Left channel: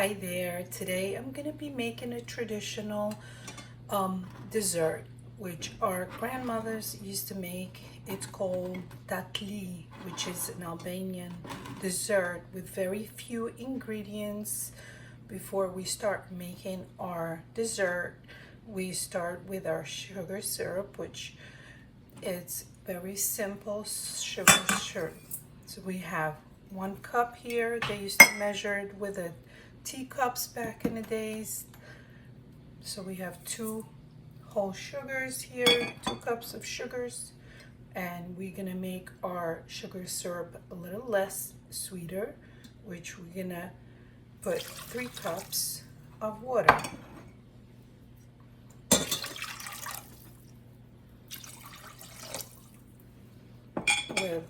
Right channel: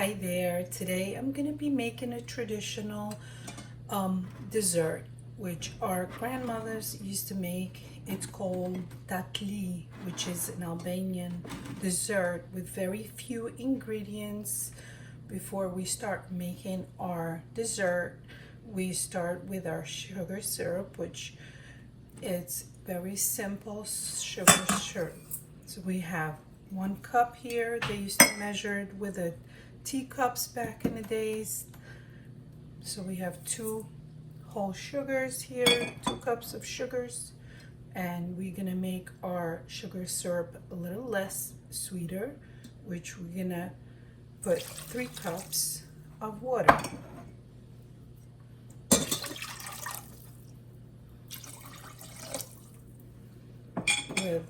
Hi there. Today I'm going to be making a traditional dessert which our grandmothers used to make. It's called Tatli, which is an Albanian dessert with very few ingredients. Before we start making our dessert, we start with our sugar syrup, which it's very simple sugar syrup. So we have 1 cup here. They used to measure it with a teacups back in the days. So we have 2 whole sugars here, 2 cups of sugars, and we're gonna make our sugar syrup a little less sweeter, which we're gonna put 3 cups of water. With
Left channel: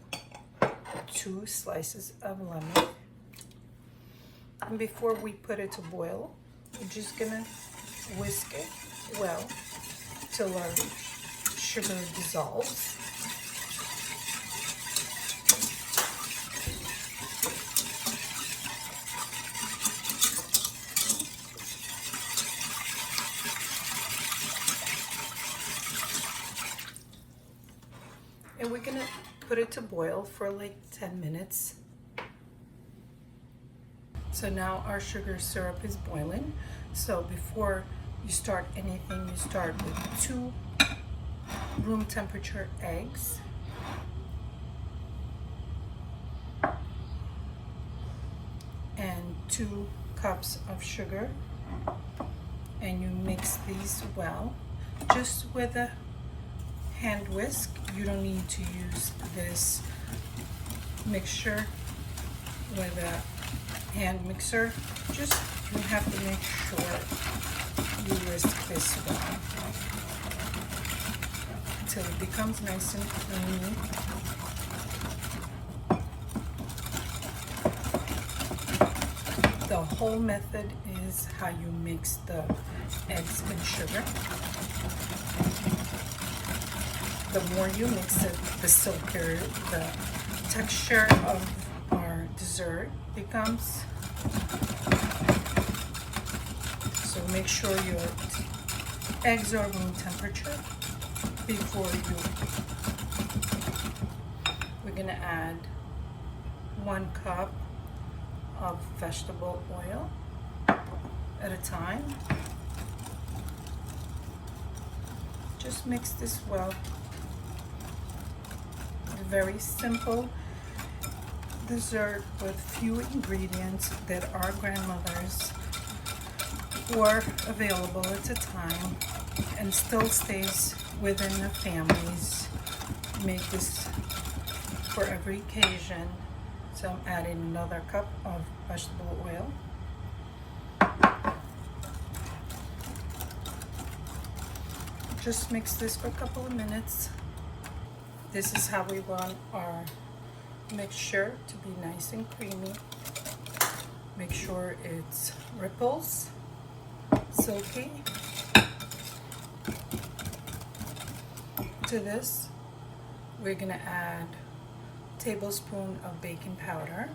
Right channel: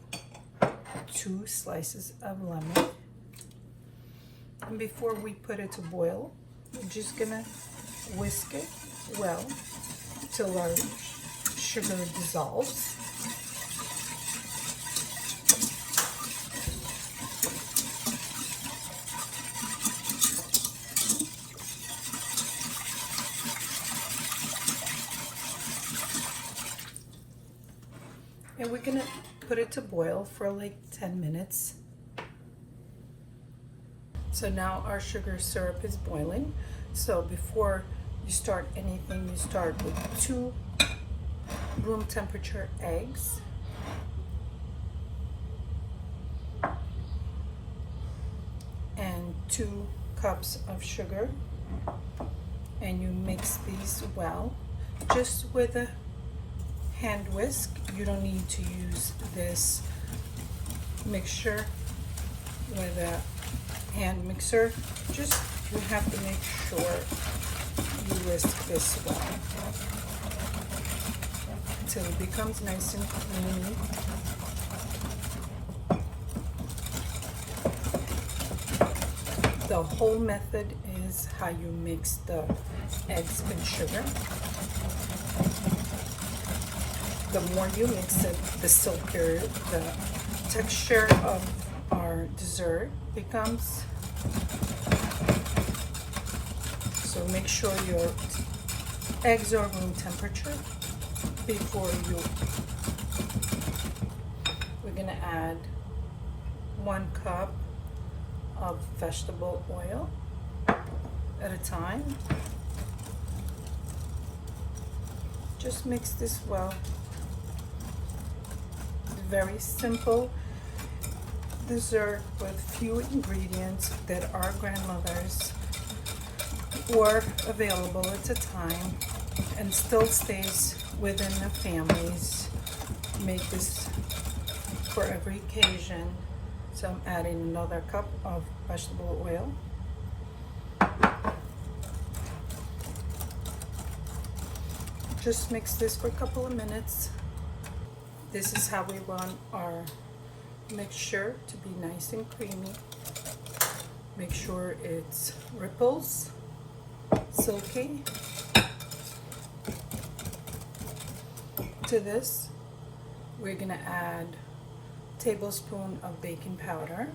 2 slices of lemon. And before we put it to boil, we're just gonna whisk it well till our sugar dissolves. And we're gonna put it to boil for like 10 minutes. So now our sugar syrup is boiling. So before you start anything, you start with 2 room temperature eggs. And 2 cups of sugar. And you mix these well, just with a hand whisk. You don't need to use this mixture with a hand mixer. Just you have to make sure you whisk this well until it becomes nice and creamy. The whole method is how you mix the eggs and sugar. The more you mix it, the silkier the texture of our dessert becomes. So make sure your eggs are room temperature before we're gonna add 1 cup of vegetable oil at a time. Just mix this well. Very simple dessert with few ingredients that our grandmothers were available at the time and still stays within the families. Make this for every occasion. So I'm adding another cup of vegetable oil. Just mix this for a couple of minutes. This is how we want our mixture to be nice and creamy. Make sure it's ripples, silky. To this, we're gonna add a tablespoon of baking powder.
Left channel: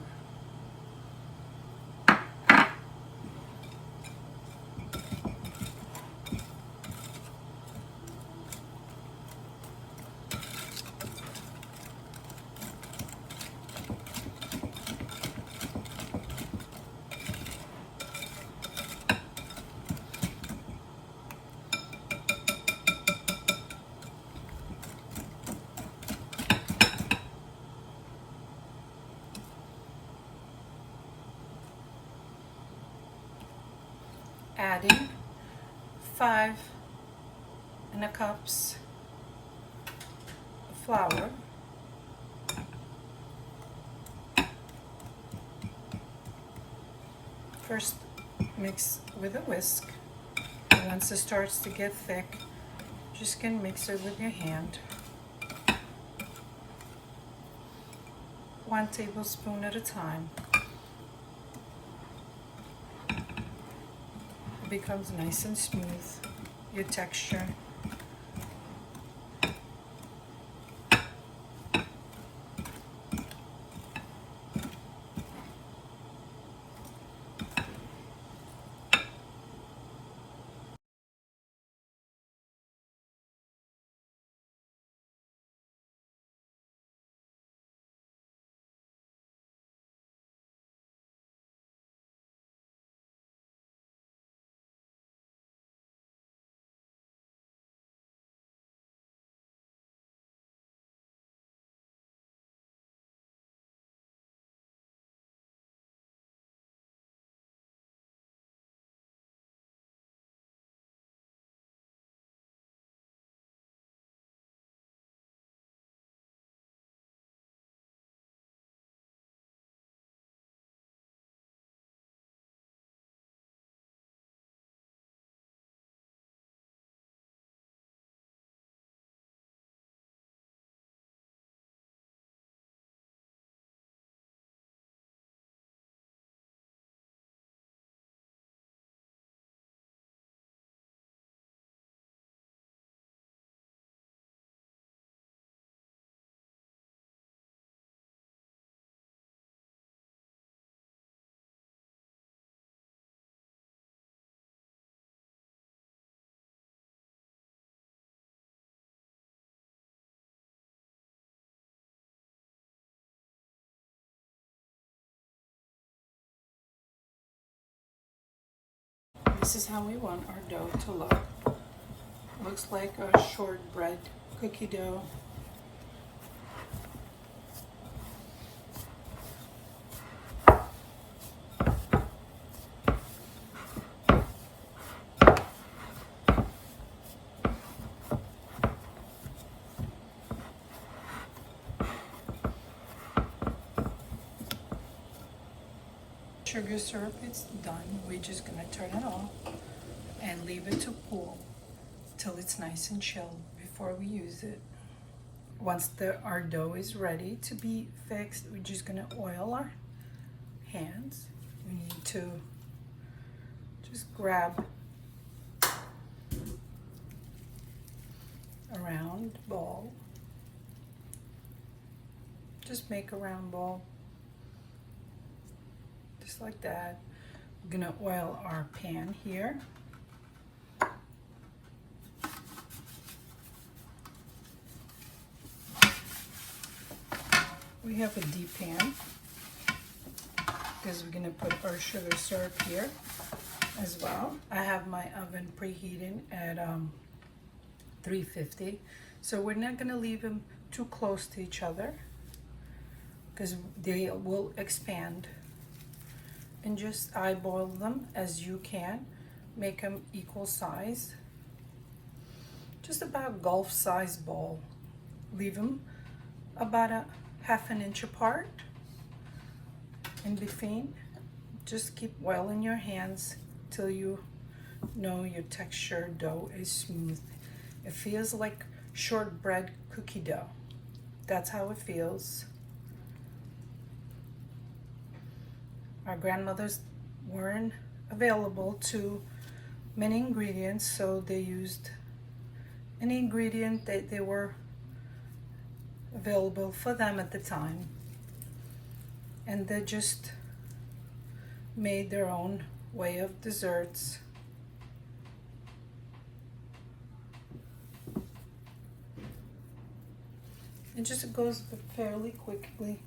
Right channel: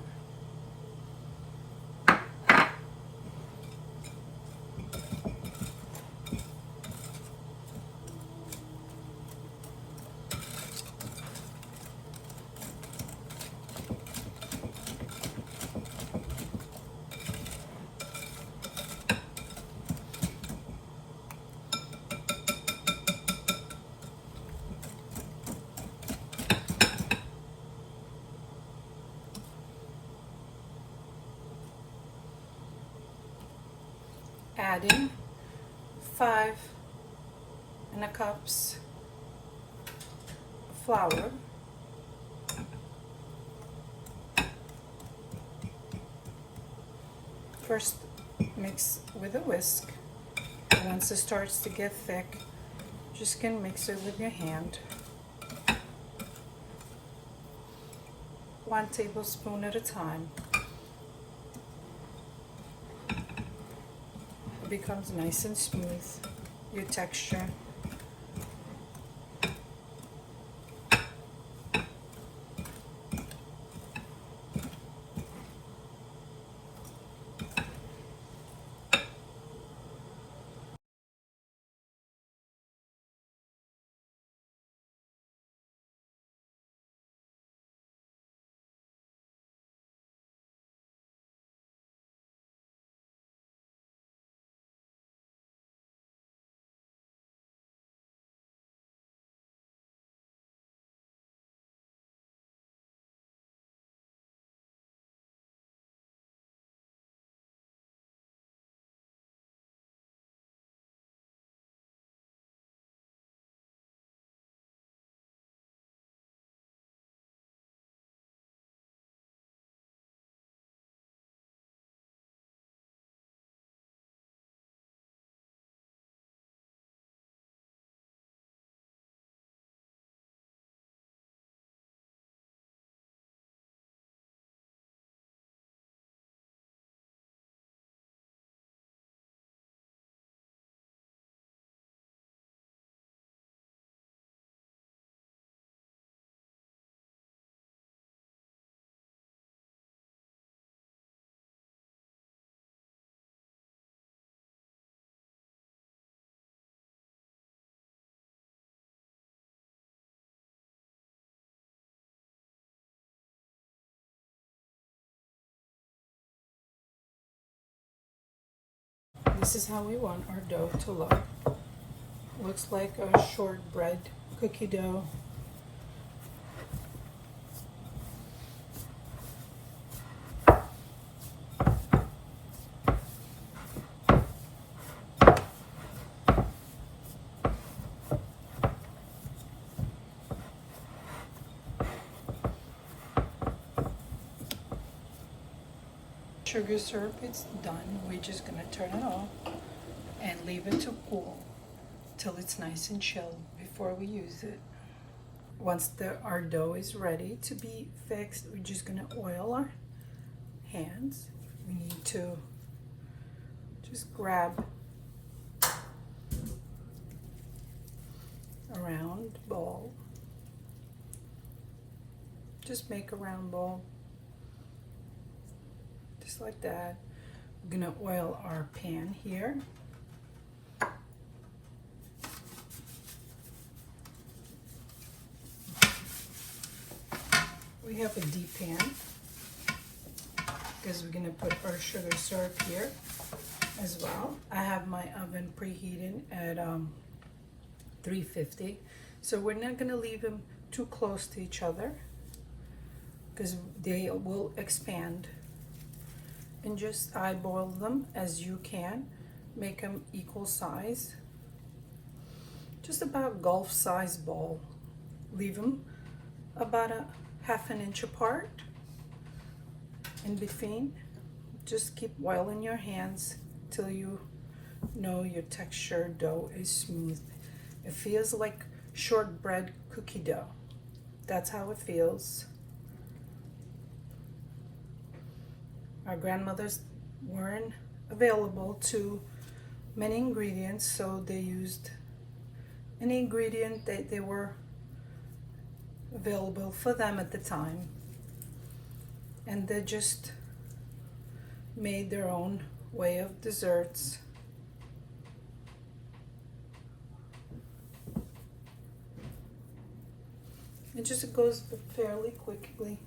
Adding 5 cups of flour. First mix with a whisk. Once it starts to get thick, just can mix it with your hand. 1 tablespoon at a time. It becomes nice and smooth, your texture. This is how we want our dough to look. Looks like a shortbread cookie dough. Sugar syrup is done. We're just gonna turn it off and leave it to cool till it's nice and chilled before we use it. Once our dough is ready to be fixed, we're just gonna oil our hands. We need to just grab a round ball. Just make a round ball. Just like that. We're gonna oil our pan here. We have a deep pan because we're gonna put our sugar syrup here as well. I have my oven preheating at 350, so we're not gonna leave them too close to each other because they will expand. And just eyeball them as you can. Make them equal size. Just about golf size ball. Leave them about a half an inch apart in between. Just keep oiling your hands till you know your texture dough is smooth. It feels like shortbread cookie dough. That's how it feels. Our grandmothers weren't available to many ingredients, so they used any ingredient that they were available for them at the time. And they just made their own way of desserts. It just goes fairly quickly.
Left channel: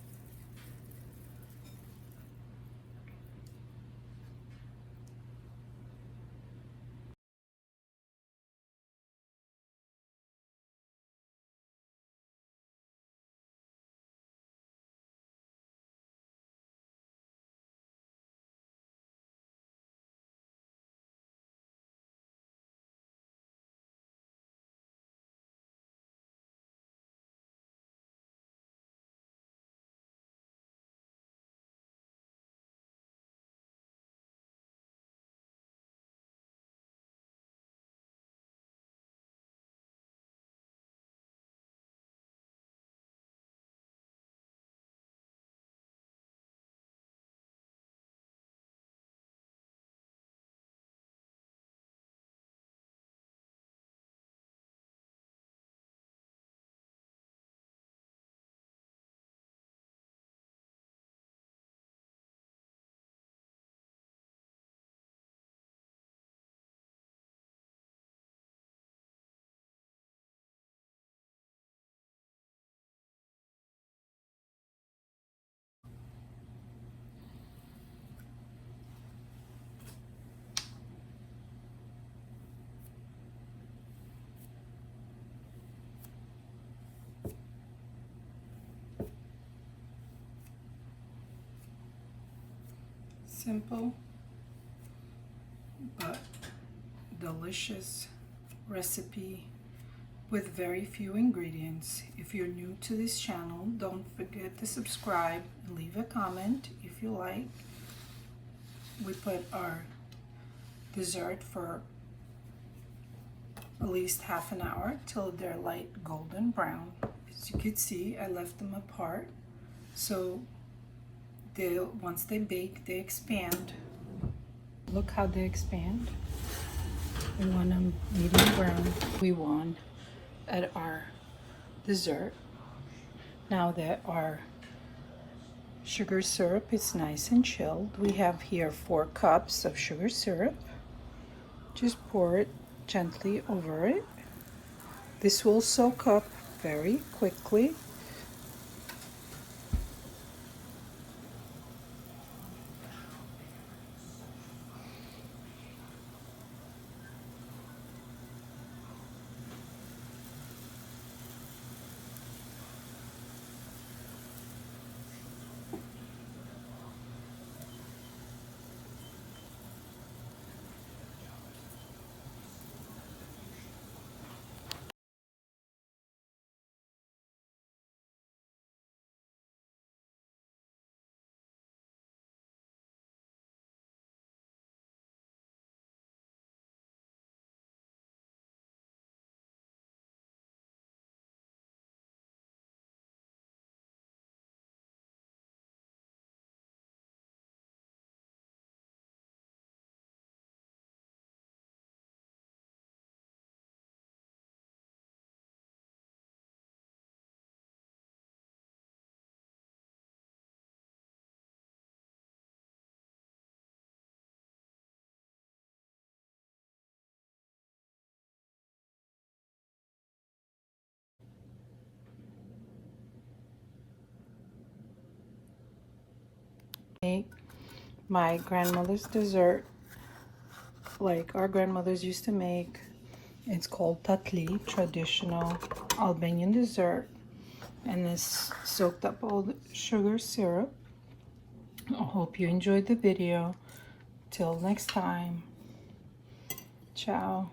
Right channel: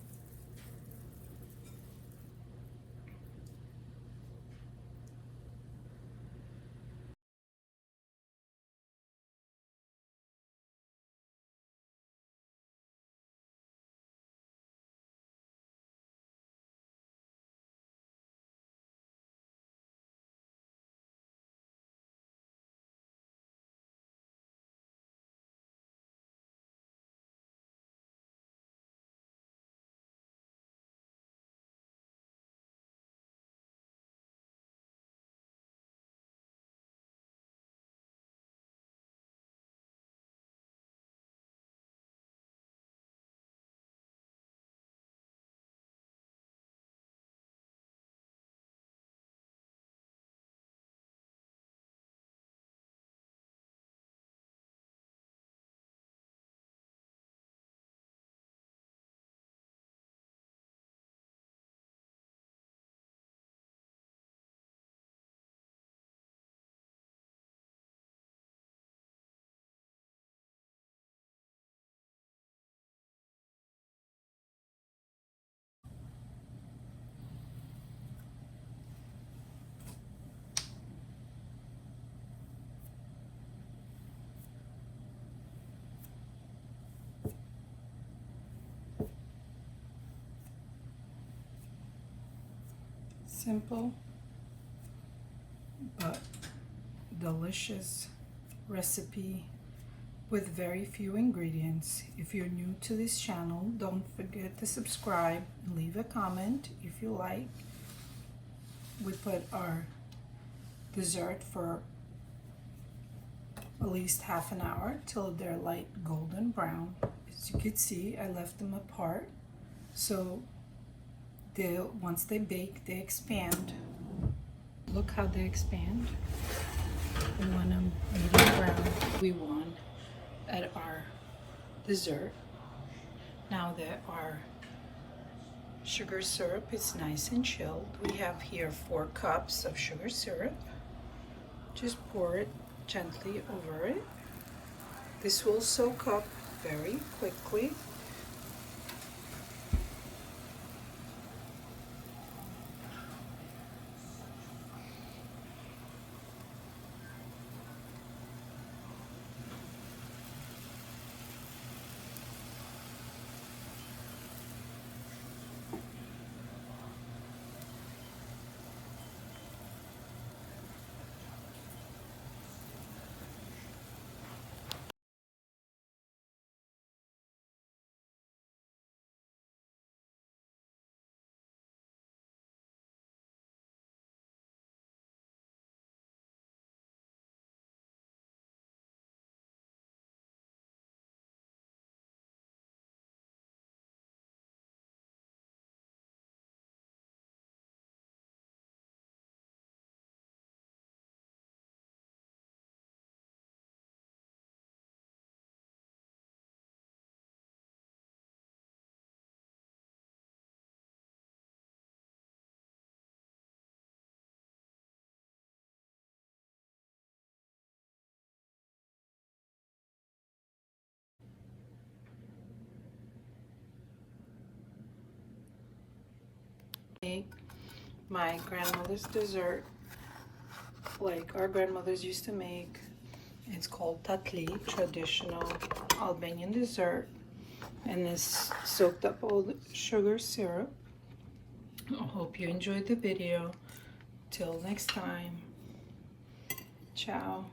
Simple but delicious recipe with very few ingredients. If you're new to this channel, don't forget to subscribe and leave a comment if you like. We put our dessert for at least half an hour till they're light golden brown. As you can see, I left them apart, so once they bake, they expand. Look how they expand. We want them medium brown. We want at our dessert. Now that our sugar syrup is nice and chilled, we have here 4 cups of sugar syrup. Just pour it gently over it. This will soak up very quickly. make my grandmother's dessert like our grandmothers used to make. It's called Tatli, traditional Albanian dessert, and this soaked up all the sugar syrup. I hope you enjoyed the video. Till next time, ciao.